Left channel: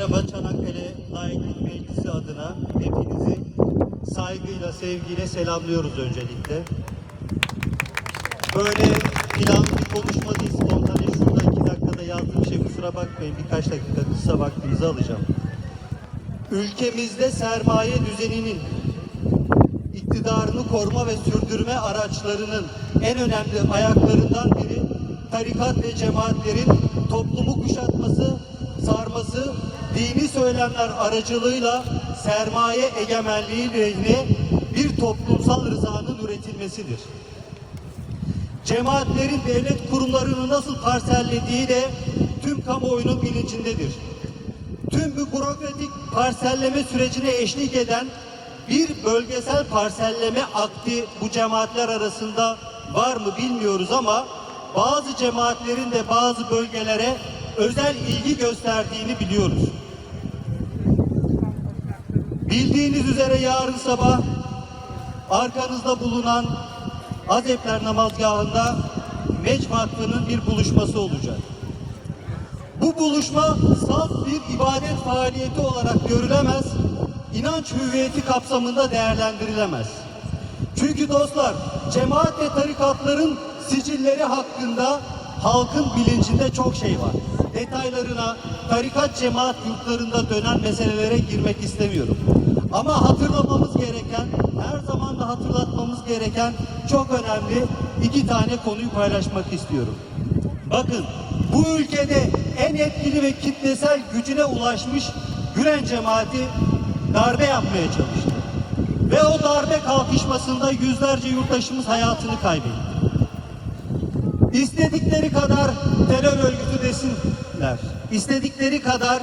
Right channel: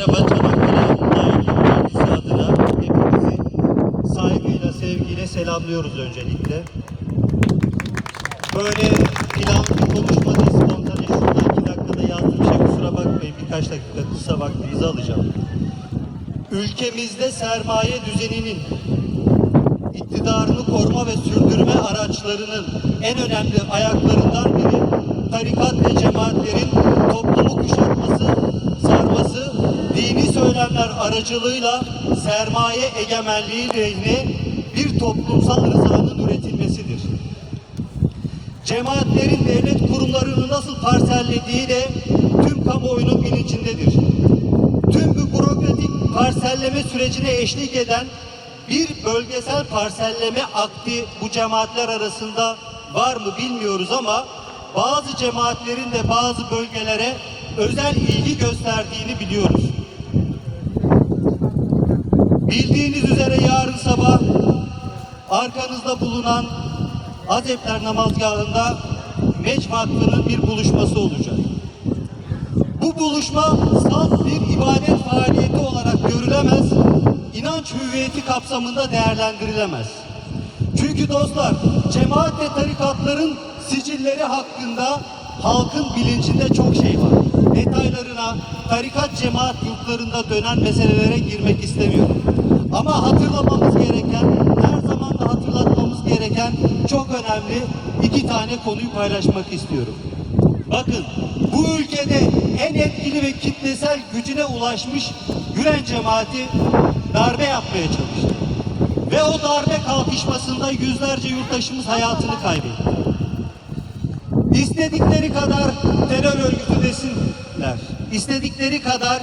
Merhaba Çanakkale Layıklık Partisi adına hepinizi saygıyla, sevgiyle selamlıyoruz öncelikle. Böyle planlı bir konuşma değil, spontane şurada iki dakikada yazdığım şey kusura bakmayın birkaç dakika kısa vaktinizi alacağım. Ülkemizde sermaye düzeninin iktidarını koruma ve sürdürme araçlarının en önemli ayaklarından biri tarikat ve cemaatlerin toplumu kuşatması, sarması, dini söylemler aracılığıyla sermaye egemenliği lehine bir toplumsal rızanın üretilmesidir. Cemaatlerin devlet kurumlarını nasıl parsellediği de tüm kamuoyunun bilincindedir. Tüm bu bürokratik parselleme sürecine eşlik eden bir bölgesel parselleme akti bu cemaatler arasında var mı bilmiyoruz ama bazı cemaatlerin de bazı bölgelere özel ilgi gösterdiğini biliyoruz. Bildiğiniz üzere yarın sabah arkanızda bulunan Azepler namazgahında Meç Vakfı'nın bir buluşması olacak. Bu buluşma salt bir ibadet faaliyeti olarak görülemez, inanç hüviyeti kapsamında değerlendirilemez. Çünkü dostlar, cemaat ve tarikatların sicilleri hakkında halkın bilincinde çok şey var. Detaylarına, tarikat cemaat yurtlarında dönen meselelere girmek istemiyorum. Ama hatırlamamız gereken, her zaman da hatırlatmamız gereken çok önemli iki tane konuyu paylaşmak istiyorum. Bakın bu ülkede en etkili ve kitlesel gücüne ulaşmış Gülen cemaati darbe yapmaya çalıştı. Ve o darbe kalkışmasında yüzlerce yurttaşımız hayatını kaybetti. İstedikleri kadar terör örgütü desinler. İstedikleri kadar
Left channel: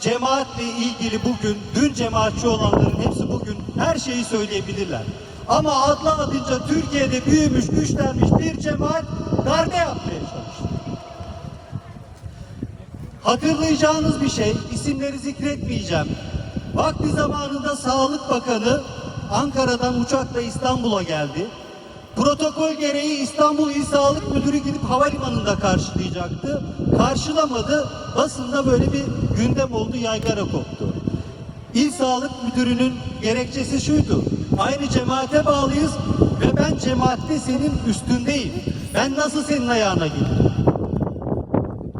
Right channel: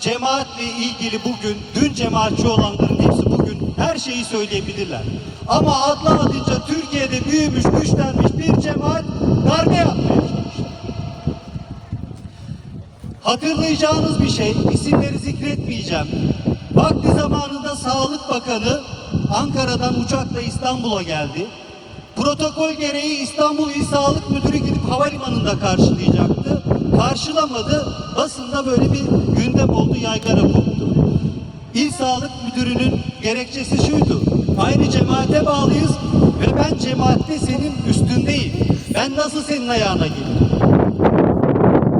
cemaatle ilgili bugün, dün cemaatçi olanların hepsi bugün her şeyi söyleyebilirler. Ama adlı adınca Türkiye'de büyümüş, güçlenmiş bir cemaat darbe yapmaya çalıştı. Hatırlayacağınız bir şey, isimleri zikretmeyeceğim. Vakti zamanında Sağlık Bakanı Ankara'dan uçakla İstanbul'a geldi. Protokol gereği İstanbul İl Sağlık Müdürü gidip havalimanında karşılayacaktı. Karşılamadı. Basında böyle bir gündem oldu, yaygara koptu. İl Sağlık Müdürü'nün gerekçesi şuydu. Aynı cemaate bağlıyız ve ben cemaatte senin üstündeyim. Ben nasıl senin ayağına gelirim?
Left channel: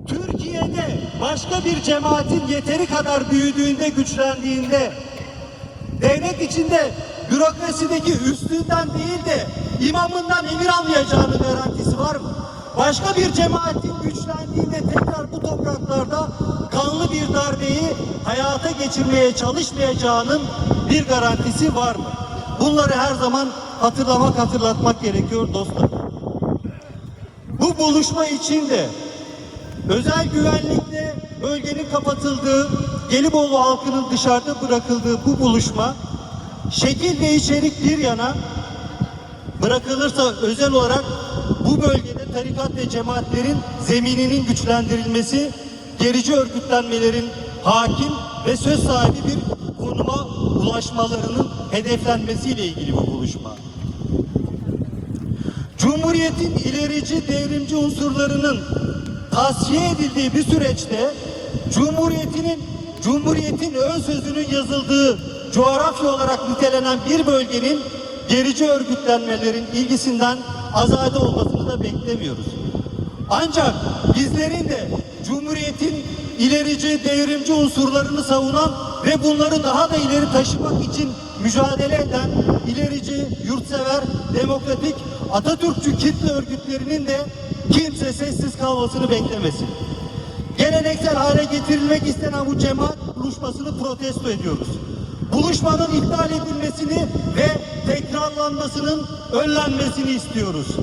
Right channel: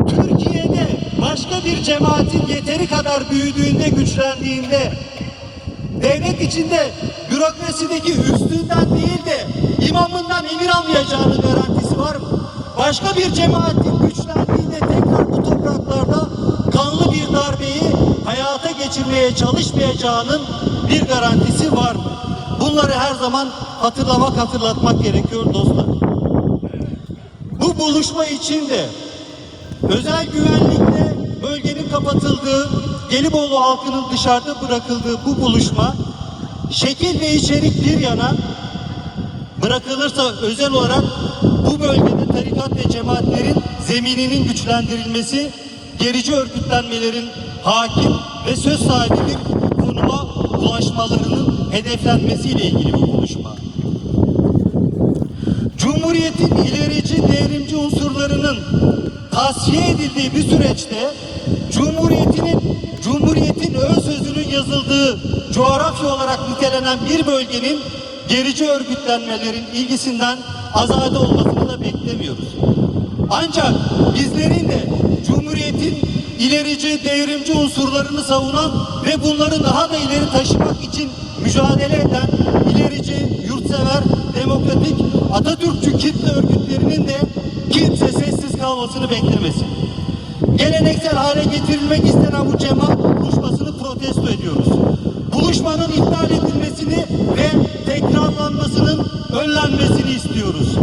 Türkiye'de başka bir cemaatin yeteri kadar büyüdüğünde, güçlendiğinde, devlet içinde bürokrasideki üstünden değil de imamından emir almayacağının garantisi var mı? Başka bir cemaatin güçlendiğinde tekrar bu topraklarda kanlı bir darbeyi hayata geçirmeye çalışmayacağının bir garantisi var mı? Bunları her zaman hatırlamak, hatırlatmak gerekiyor dostlar. Bu buluşma için de özel güvenlikle bölgenin kapatıldığı, Gelibolu halkının dışarıda bırakıldığı bu buluşma şekil ve içerik bir yana bırakılırsa özel olarak bu bölgede tarikat ve cemaatlerin zemininin güçlendirilmesi, gerici örgütlenmelerin hakim ve söz sahibi bir konuma ulaşmalarının hedeflenmesiyle ilgili bu buluşma. Cumhuriyetin ilerici devrimci unsurlarının tasfiye edildiği bir süreçte Cumhuriyetinin Cumhuriyetin ön sözünün yazıldığı coğrafya olarak nitelenen bir bölgenin gerici örgütlenmelerin ilgisinden azade olmasını da beklemiyoruz. Ancak bizlerin de Cumhuriyetin ilerici, devrimci unsurlarını savunan ve bunları daha da ileri taşımak için mücadele eden ilerici, yurtsever, demokratik, Atatürkçü kitle örgütlerinin de kimse sessiz kalmasını beklemesin. Geleneksel hale getirilmek istenen bu cemaat buluşmasını protesto ediyoruz. Buluşmanın iptal edilmesini ve tekrarlanmasının önlenmesini istiyoruz.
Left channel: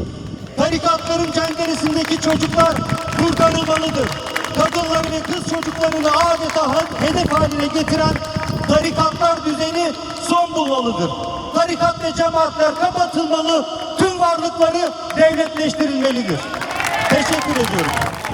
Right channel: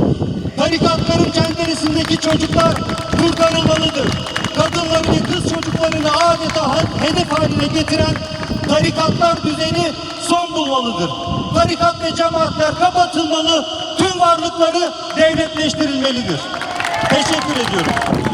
Tarikatların cenderesindeki çocuklar kurtarılmalıdır. Kadınları ve kız çocuklarını adeta hedef haline getiren tarikatlar düzeni son bulmalıdır. Tarikat ve cemaatler kapatılmalı, tüm varlıkları devletleştirilmelidir. Teşekkür ediyorum.